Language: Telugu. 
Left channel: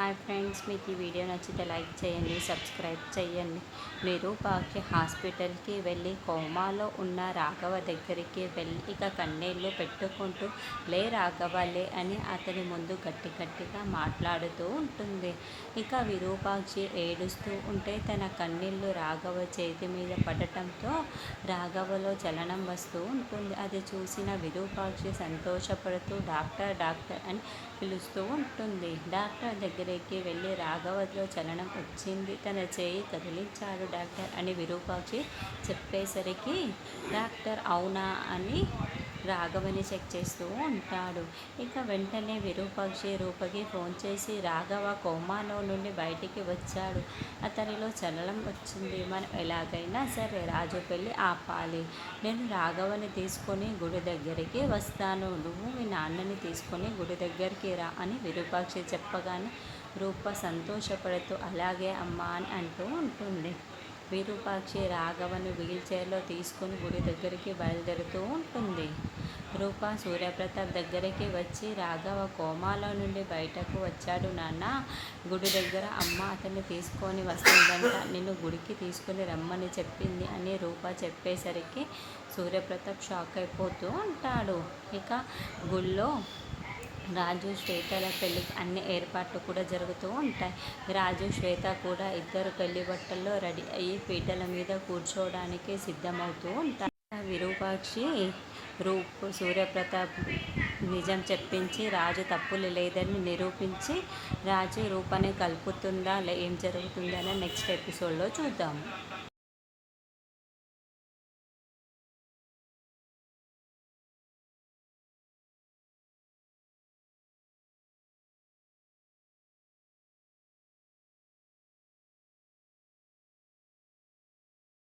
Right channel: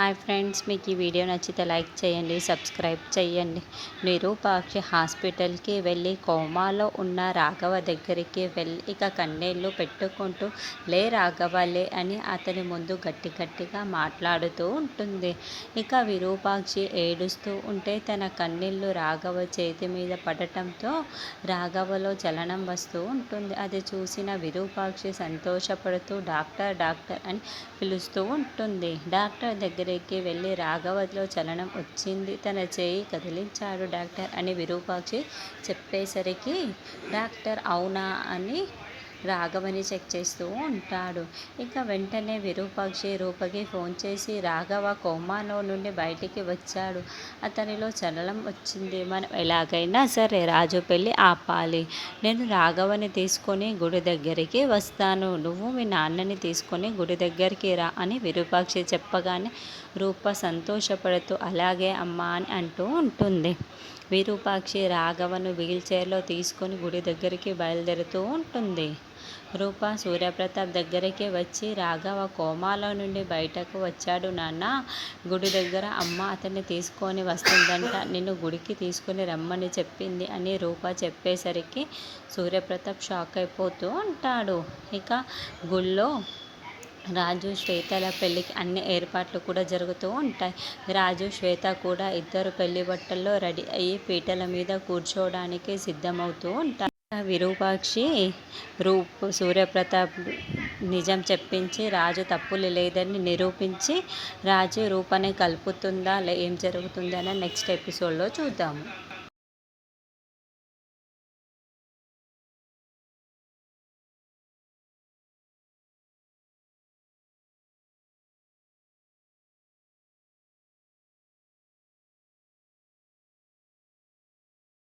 హాయ్ ఫ్రెండ్స్ మీకు ఈ వీడియో నచ్చితే లైక్ చేయండి సబ్స్క్రైబ్ చేయండి. నిరూపాక్ష హాస్పిటల్కి వెళ్ళి కోమాలో ఉన్న రాఘవ దగ్గరికి వెళ్ళి ఇక కన్నీళ్ళు పెట్టుకుంటూ లే రాఘవలే అని అతని ముందు గట్టి గట్టిగా మాట్లాడుతూ ఉంటుంది. ఇక విరూపాక్షి ఏడుస్తూ ఉంటే తన కన్నీళ్ళు రాఘవ చేతి మీద పడటంతో రాఘవలో చలనం వస్తూ ఉంటుంది. అది చూసిన విరూపాక్షి సంతోషపడుతూ డాక్టర్ డాక్టర్ అని పిలుస్తూ ఉంటుంది. డాక్టర్ దగ్గర దగ్గరికి వెళ్ళి రాఘవతిలో చలనం వచ్చింది. తన చేయి కదిలించాడు డాక్టర్ అని విరూపాక్షి చెప్పేసరికి డాక్టర్ అవునా? అని రాఘవని చెక్ చేస్తూ ఉంటాడు. ఇక వెంటనే విరూపాక్షి రూపకి ఫోన్ చేసి రాఘవ కోమాలో నుండి బయటికి వచ్చాడు. అతనిలో చలనం వచ్చింది. మనం ఎలాగైనా సరే రాజు పెళ్ళి ఆపాలి. నేను రాఘవని తీసుకొని గుడి దగ్గరికి వస్తాను. నువ్వు మీ నాన్నని తీసుకొని గుడి దగ్గరికి రా అని విరూపాక్షి చెప్పగానే రూప సంతోషపడుతూ అలాగే అమ్మా అని అంటూ ఉంటుంది. విరూపాక్షి రాఘవను వీల్ చైర్లో తీసుకొని గుడి దగ్గరికి బయలుదేరుతూ ఉంటుంది. రూప సూర్యప్రతాప్ దగ్గరికి వచ్చి రాఘవ కోమాలో నుండి బయటకు వచ్చాడు నాన్న. గుడి దగ్గర అమ్మ అతన్ని తీసుకొని వస్తుందంట. నిన్ను గుడికి తీసుకొని రమ్మని చెప్పింది అని రూప చెప్పేసరికి సూర్యప్రతాప్ షాక్ అయిపోతూ ఉంటాడు. ఇక గుళ్ళో రాజు శ్వేతల పెళ్ళికి అన్ని ఏర్పాట్లు కూడా జరుగుతూ ఉంటాయి. రాజు శ్వేత కూడా ఇద్దరు పెళ్ళి బట్టల్లో రెడీ అయ్యి పీటల మీద కూర్చోవడానికి సిద్ధమవుతూ ఉంటారు. విరూపాక్షి రూప్ సూర్యప్రతాప్ నిజం చెప్పించి రాజు తప్పులు లేదని నిరూపించి రాజు రూపని కలుపుతుందా ఏం జరుగుతుందని నెక్స్ట్ ఎపిసోడ్లో చూద్దాము